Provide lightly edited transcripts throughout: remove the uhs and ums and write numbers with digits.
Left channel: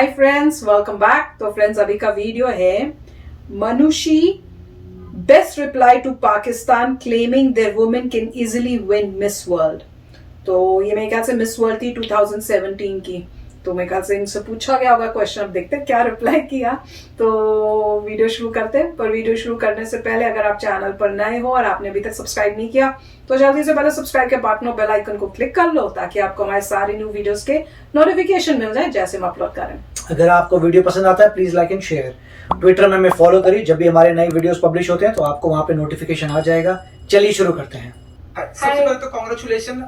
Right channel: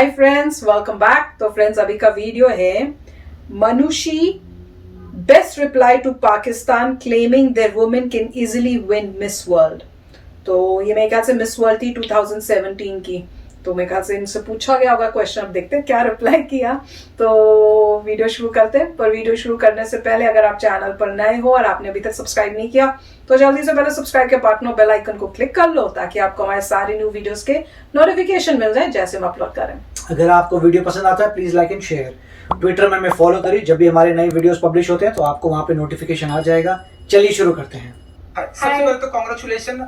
हाय friends, welcome back. तो friends, अभी का वीडियो है Manushi best reply to Pakistan claiming their women can easily win Miss World. तो ये मेरे ख्याल से मिस वर्ल्ड थी 2017 की। तो मेरे ख्याल से इनसे पूछा गया होगा क्वेश्चन, अब देखते हैं क्या रिप्लाई किया। तो वीडियो शुरू करते हैं, पर वीडियो शुरू करने से पहले अगर आप चैनल पर नए हो और आपने अभी तक सब्सक्राइब नहीं किया तो जल्दी से पहले सब्सक्राइब के बटन और बेल आइकन को क्लिक कर लो ताकि आपको हमारे सारे न्यू वीडियोस के नोटिफिकेशन मिल जाए जैसे हम अपलोड करें। अगर आपको वीडियो पसंद आता है please like and share. Twitter में हमें फॉलो करिए, जब भी हमारे नए वीडियोस पब्लिश होते हैं तो आपको वहां पे नोटिफिकेशन आ जाएगा। चलिए शुरू करते हैं। सबसे पहले तो कॉन्ग्रेचुलेशन,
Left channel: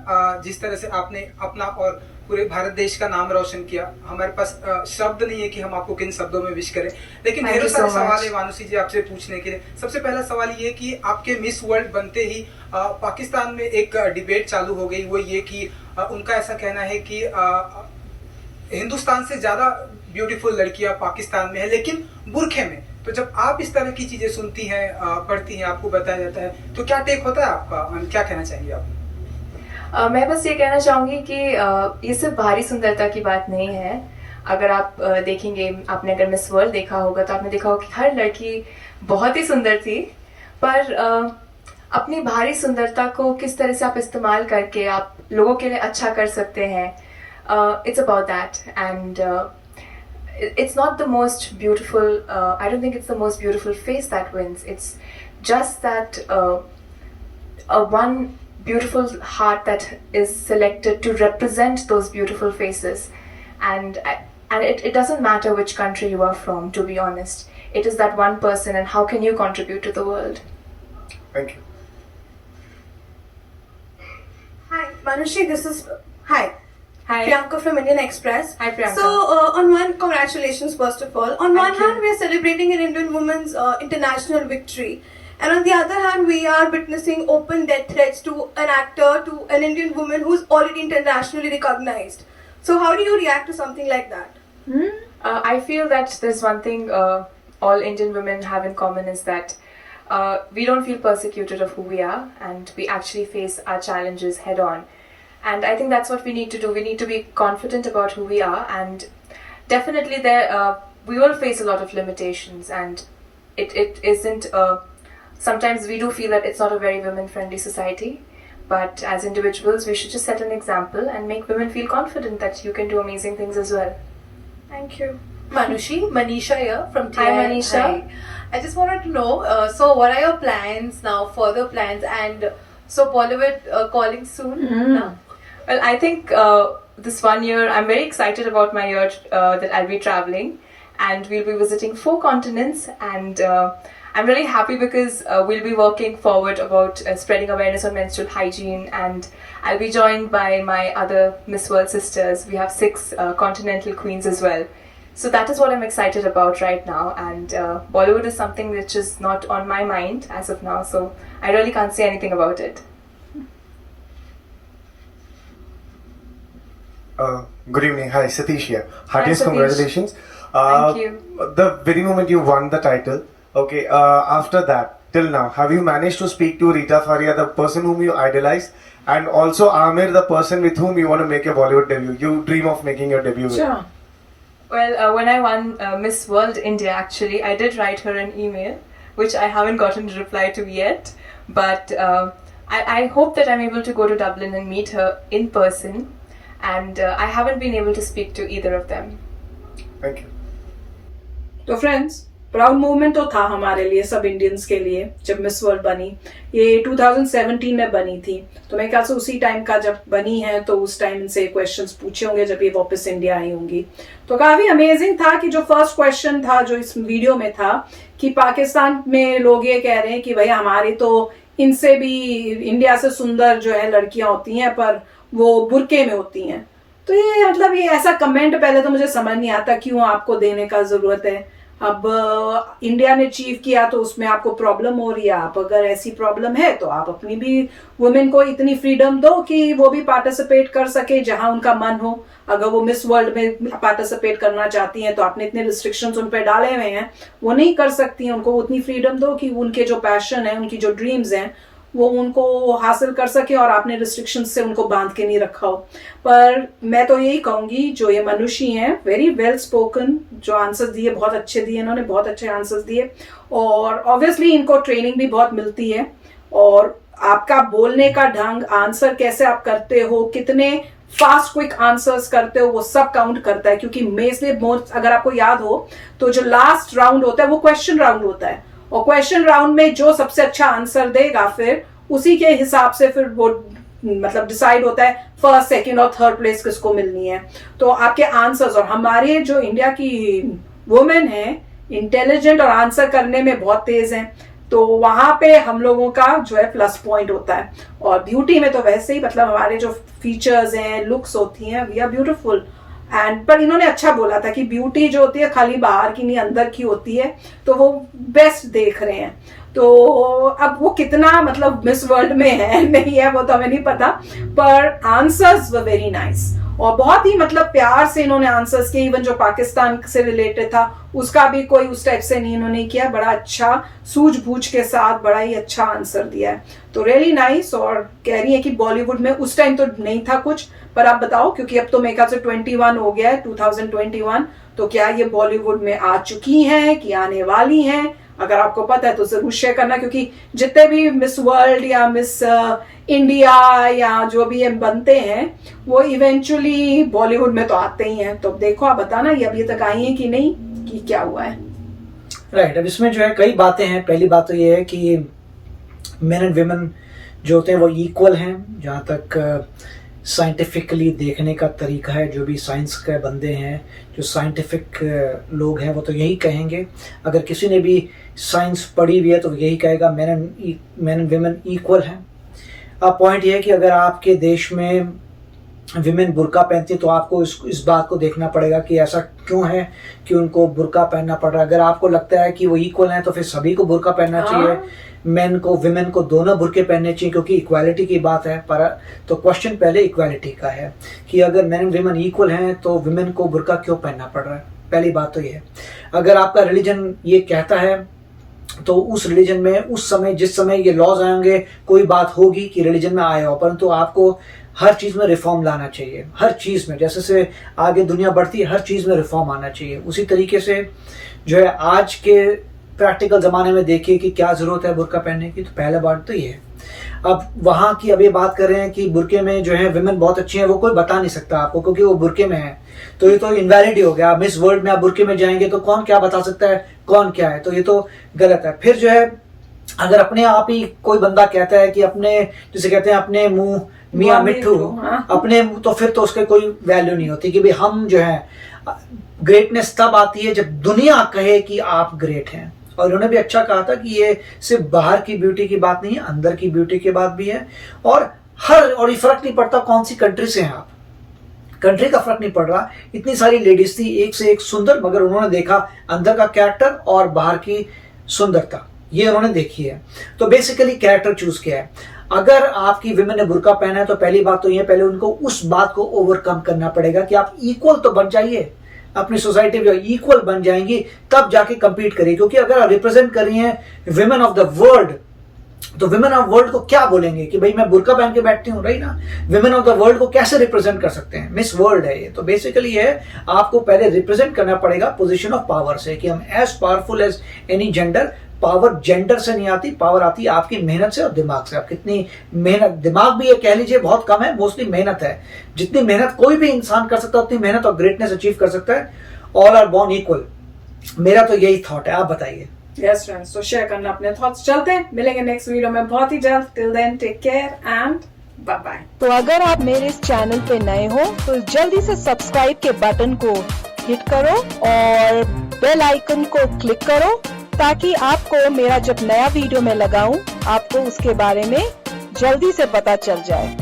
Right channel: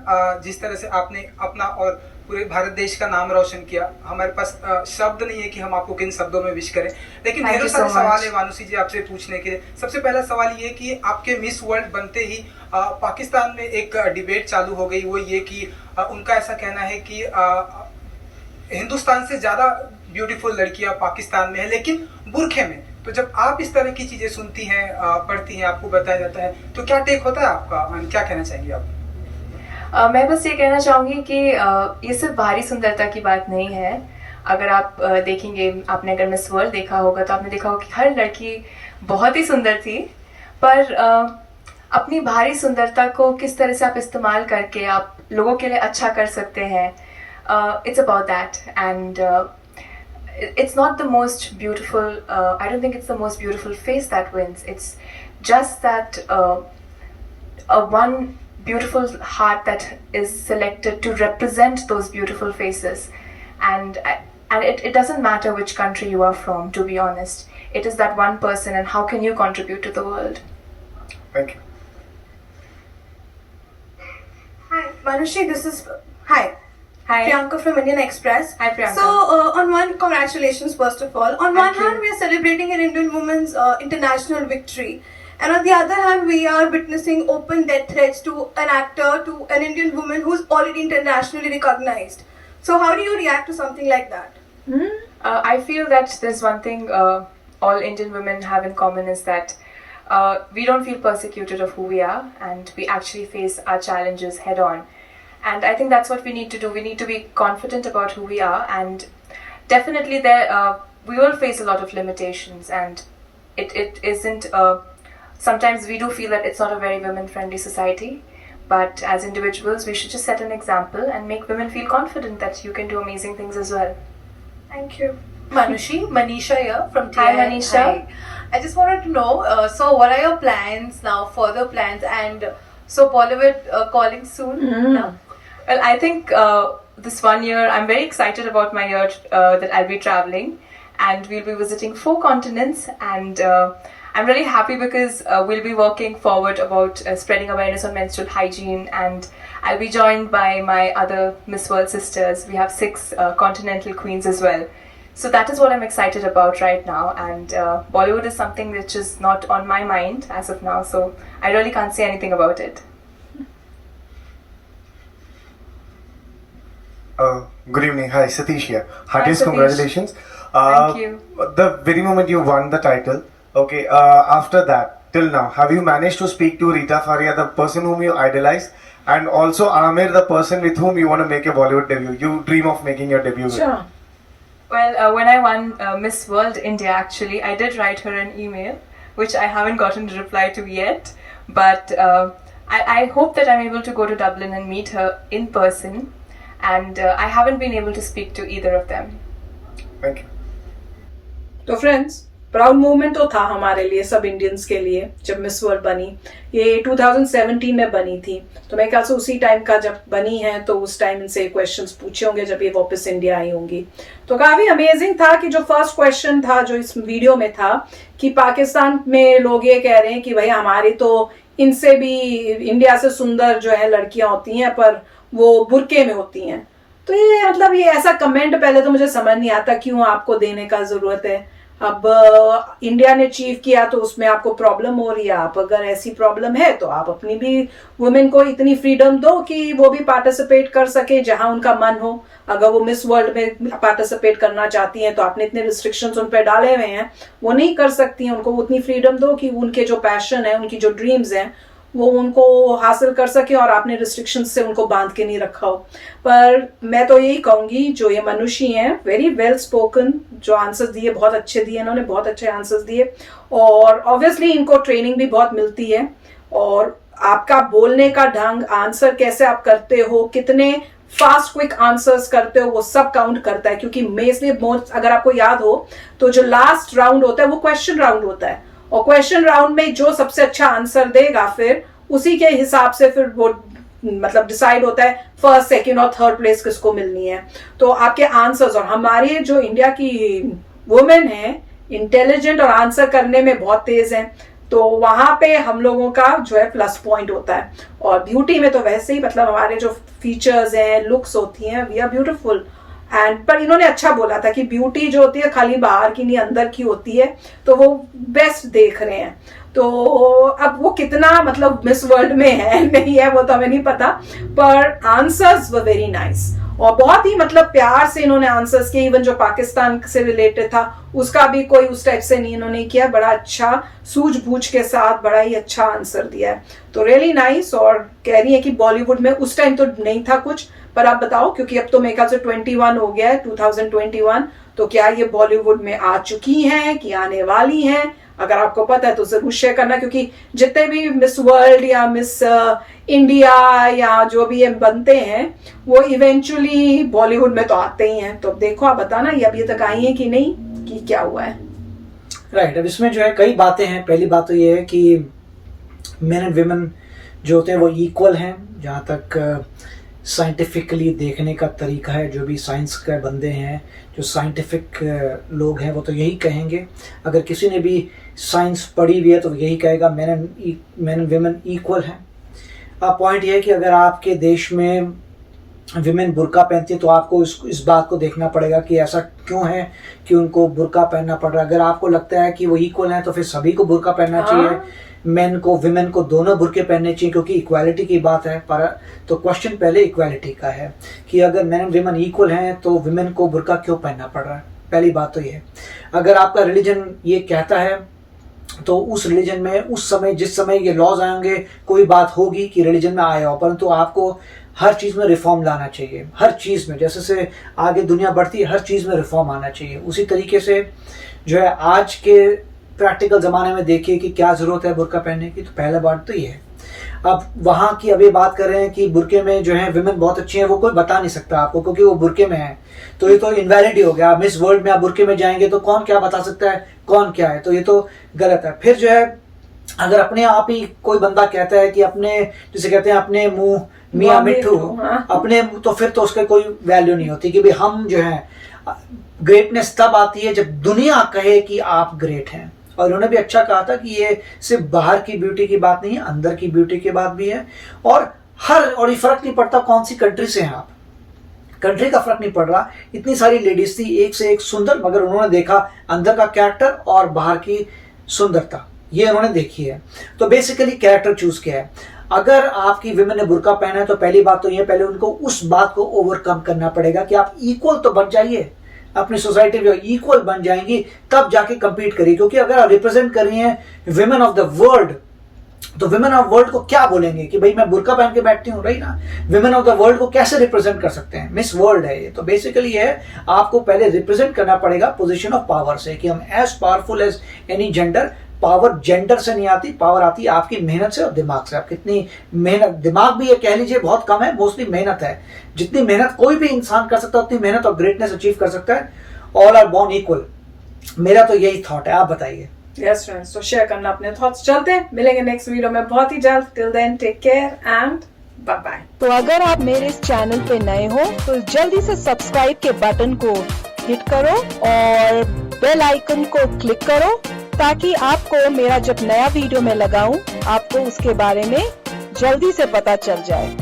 जिस तरह से आपने अपना और पूरे भारत देश का नाम रोशन किया। हमारे पास शब्द नहीं है कि हम आपको किन शब्दों में विश करें, लेकिन ढेरों सारे सवाल है मानुषी जी आपसे पूछने के लिए। सबसे पहला सवाल ये कि आपके मिस वर्ल्ड बनते ही पाकिस्तान में एक डिबेट चालू हो गई। वो ये कि उनका ऐसा कहना है कि हिंदुस्तान से ज्यादा ब्यूटीफुल लड़कियां पाकिस्तान में है, लेकिन बुरखे में। तो जब आप इस तरह की चीजें सुनती हैं, पढ़ती हैं, आपको बताया जाता है, तो क्या टेक होता है आपका? क्या कहना चाहेंगे आप? मैं बस ये कहना चाहूंगी कि ये सिर्फ बाहरी सुंदरता की बात नहीं है। अगर आप देखेंगे, आपने अगर मिस वर्ल्ड देखा होगा तो आपने देखा होगा कि हर लड़की बहुत ही सुंदर थी, पर अपनी बाहरी सुंदरता को किस तरह से आप इस्तेमाल करके आप लोगों के लिए अच्छा कर सकते हैं, it's about that. And it's not the most beautiful, I don't think it's the most beautiful face that wins. It's just that a one beautiful heart that is selected to represent those beautiful faces. And it doesn't matter which country you are from, to be honest. It is that one person, and how can you contribute to the world? Thank you. Hi, Manushi, Hi. Hi. Priyanka from Indian Express. Hi, Priyanka. So, congratulations first of all. On one hand, we are celebrating an Indian woman's international victory. And on the other hand, we are witnessing open death threats to an actor, to an Indian woman who's already internationally recognized. So how do you react to something like that? I feel that there's one thing all Indian women have in common is that we don't feel persecuted of who we are, and we actually face our challenges head on. And I think that's what we need to do. We need to be confident about who we are, and definitely we will face a lot of limitations, and it isn't. Sometimes we do feel that it's not a very women-friendly society, but as individuals, we should just set an example and make women feel confident that you can do amazing things as well. Thank you. Manushi, Manisha here from TI. Hi, Manisha. Hi. I just wanted to know, so what are your plans now, further plans, and so Bollywood calling soon now? Well, I think this one year, I'm very excited about my year that I'll be traveling, and we'll be visiting 4 continents, and I'm really happy because we'll be working forward about spreading awareness on menstrual hygiene, and I'll be joined by my other Miss World sisters. We have 6 continental queens as well. So that is what I'm excited about right now, and Bollywood is something which is not on my mind as of now, so I really can't say anything about it. Good evening. Hi, Satish here. Heartiest Satish. congratulations. Thank you. The very moment you won the title, okay, after that, till now, have you managed to speak to Rita Faria, the person whom you idolize, and also Amir, the person with whom you want to make a Bollywood debut? You dream of making your debut with. Sure. Well, when I won Miss World India, actually, I did write her an email, which I haven't gotten a reply to yet, but I hope that I'm able to go to Dublin and meet her in person. And I haven't been able to speak to either of them. Thank you. तो friends, proud moment तो था हमारे लिए, सब Indians के लिए, जब miss world बनी। ये 2017 में बनी थी, तो मैं ख्याल से उसी टाइम का जब बनी है, तो उस टाइम इनसे क्वेश्चंस पूछे होंगे जब ये वापस इंडिया आई होंगी। तो काफी अमेजिंग था कि जो फर्स्ट क्वेश्चन था जो इस वीडियो में था कि पाकिस्तान में लोग ये कह रहे हैं कि भाई हमारी तो इनसे भी, इंडिया से सुंदर जो है लड़कियां होती हैं, पर वो बुरके में होती हैं। तो ये मतलब ये ऐसा कमेंट पहले तो मुझे समझ नहीं आता क्यों आपको देने का जरूरत है। अब इंडिया ने अचीव किया तो उसमें आपको प्रॉब्लम हो रही है। आप अगर ऐसी प्रॉब्लम है तो आप अपनी भी वुमेन को इतनी फ्रीडम दो कि वो भी पार्टिसिपेट कर सके जहां उनका मन हो। अगर वो मिस वर्ल्ड में पार्टिसिपेट करना चाहती हैं तो आपने इतने रिस्ट्रिक्शंस उन पर डाले हुए हैं, वो नहीं कर सकती हैं। उनको उतनी फ्रीडम दो कि उनके जो पैशन है, उनकी जो ड्रीम्स हैं, वो उनको हासिल कर सके और आपने रिस्ट्रिक्शन से उनको बांध के नहीं रखा हो। पर मैं तो यही कहूंगी, जो ये मनुष्य हैं, वेरी वेल स्पोकन, जो आंसर्स दिए बहुत अच्छे दिए, इन्होंने बहुत अच्छे आंसर्स दिए, और ऑब्वियसली इनको ट्रेनिंग भी बहुत मिलती है, और आपका बोलने का ढंग, आंसर कैसे आप करते हो, कितने फास्ट क्विक आंसर्स करते हो, वो सब काउंट करता है। क्योंकि मेजली अगर आपको याद हो तो जो लास्ट राउंड होता है वो क्वेश्चन राउंड होता है, और क्वेश्चन राउंड में जो सबसे अच्छा आंसर देगा फिर उसी के हिसाब से फिर वो मतलब डिसाइड होता है फर्स्ट, सेकंड और थर्ड प्लेस किसको मिलनी है। तो आपके आंसर्स, और हमारे जो इंडिया की वुमेन है इंटेलिजेंट और आंसर करने में बहुत तेज हैं, तो वहां पे हम लोगों का जो है प्लस पॉइंट होता है। और ब्यूटी में तो वैसे ही मतलब हमारे जो फीचर्स हैं, लुक्स होती हैं, वी आर ब्यूटीफुल एंड, पर इन्होंने अच्छा बोला था कि ब्यूटी जो होती है खाली बाहर की नहीं अंदर की होती है, तो वो बेस्ट देख रहे हैं। तो अब वो कितना मतलब मिस वर्ल्ड में है नहीं है वो तो हमें नहीं पता, पर आंसर्स वर वेरी नाइस, और बहुत ही मतलब प्यार से इन्होंने आंसर्स किए। इवन जो पाकिस्तान से रिलेटेड था उसका भी कोई उस टाइप से नहीं इन्होंने किया, बड़ा अच्छा सूझबूझ के साथ बड़ा ही अच्छा आंसर दिया है, तो रियली नाइस। और कह रही है कि बॉलीवुड में उस टाइम तो नहीं था कुछ, पर आप बताओ, क्योंकि अब तो मेरे ख्याल से 21 हो गया है, 2021, तो क्या ये बॉलीवुड में आ चुकी हैं कि आने वाली हैं? अगर आपको पता है तो जरूर शेयर करना, क्योंकि जितने भी मिस वर्ल्ड या मिस इंडिया या जो भी ये बनते हैं वो इवेंचुअली बॉलीवुड में तो आते ही हैं। तो अब देखो, आप बताना ये अभी तक आई है कि नहीं, कि क्या हुआ है। राइट, अब इसमें जो है कई बातें हैं। पहली बात तो ये है कि मेन एंड वुमेन जो होते हैं वो इक्वल हैं, जहाँ तक साइंटिफिकली देखने का तरीका है। जो भी साइंस के बंदे हैं, जो साइंटिफिक लोग हैं, वो तो यही कहेंगे। अगर किसी ने भी साइंस पढ़ी हुई है तो यही कहेगा मेन एंड वुमेन इक्वल हैं। अब पॉइंट ये है कि अगर आपके देश में विमेन बुर्का पहनती है तो आपको इस बात को देखना पड़ेगा कि ऐसा क्यों है कि उनको बुर्का पहनना पड़ रहा है। अगर आपको लगता है कि वो इक्वल हैं तो फिर सभी को बुर्का पहनना चाहिए, मेन को विमेन को दोनों बुर्के पहनने चाहिए, क्योंकि इक्वालिटी की बात है। पर तो क्वेश्चन पहले इक्वालिटी का है कि अगर मेन एंड विमेन इक्वल हैं तो विमेन को बुर्का क्यों पहनना पड़ रहा है। पहली बात तो ये है। अगर आपका रिलीजन ये कहता है तो उस रिलीजन में उस समय जिस समय ये लॉज आएंगे कोई बात होगी कि रिलीजन में आया हो, परंतु आपको हर चीज में रिफॉर्म लाना चाहिए। हर चीज में जैसे से आगे दुनिया बढ़ती है हर चीज में रिफॉर्म आना चाहिए। उसी तरीके से जो है आज के प्रैक्टिकल जमाने में देखिए कि क्या जरूरत है बुर्का पहनने की, तो पहला बात तो ये है। अब वहां की अभी बात कर रहे हैं कि बुर्के में जो है विमेन बहुत अच्छी हैं, वो कोई बता नहीं सकता आपको क्योंकि वो बुर्के में है, तो ये तो इनवैलिड ही हो गया। मिस वर्ल्ड में आप बुर्के में जाएंगे तो कौन क्या बता सकता है कौन क्या है, तो ये तो गलत है। फिर जो है अगर अपने आप ही कोई बंदा कहता है कि अपने जिसे कहते हैं अपने मुंह मियां मिट्ठू, अपने तो फिर तो उसके कोई वैल्यू नहीं होती कि भाई हम जो है। ग्रेटनेस तब आती है जब दुनिया कहे कि आप ग्रेट हैं। और उन्होंने भी अच्छा कहा था कि ये सिर्फ बाहर की ब्यूटी की बात नहीं है, अंदर की ब्यूटी की बात भी है। और ये फर्क नहीं पड़ता कौन सी कंट्री से हैं आप, कंट्री का फर्क नहीं पड़ रहा। इतनी सारी लेडीज थी एक से एक सुंदर, मगर उन्होंने देखा अंदर का कैरेक्टर और बाहर की सुंदरता, ये उन्होंने देखी है। तो बेसिकली कैरेक्टर चूज किया है। अगर आपकी विमेन ने बुर्का पहना है तो पहली बात तो ये, पहले उनको उस बात को ओवरकम करना पड़ेगा कि आप इक्वल तो बन जाइए, अपनी सोसाइटी में इक्वल बन जाएंगी तब जाके कंपीट करिए। क्योंकि अगर आप रिप्रेजेंट कर रही हैं विमेन ऑफ द वर्ल्ड तो विमेन ऑफ वर्ल्ड को क्या बोलेंगे कि भाई मैं बुर्का पहन के बैठती हूँ, रही ना। विमेन ऑफ द वर्ल्ड को कैसे रिप्रेजेंट कर सकते हैं, मिस वर्ल्ड है ये। तो बेसिकली है आपको पहले रिप्रेजेंट करना पड़ेगा पोजीशन ऑफ पावर से कि हम as powerful as any gender. Power gender से नहीं आती, पावर आती है आपकी मेहनत से और दिमाग से। आप कितनी मेहनत, दिमाग भी ये कह लीजिए बहुत कम है, मोस्टली मेहनत है। जितनी मेहनत कोई भी इंसान कर सकता है उतनी मेहनत और ग्रेटनेस अचीव कर सकता है। ऑल आर बॉर्न इक्वल, मेरा तो यही थॉट है। आप बताइए। यस फ्रेंड्स, तो शेयर करना अपने थॉट्स। चलते हैं, मिलेंगे नेक्स्ट वीडियो में बहुत ही जल्द। Till then take care and bye bye. तो अगर आप मेरे इस चैनल पे नए हो तो जल्दी से सब्सक्राइब के बटन को हिट करो और बेल आइकन को क्लिक करो ताकि आपको मेरा जब नया वीडियो मैं लगाऊं आपको उसके बारे में जल्दी से पता चल जाए।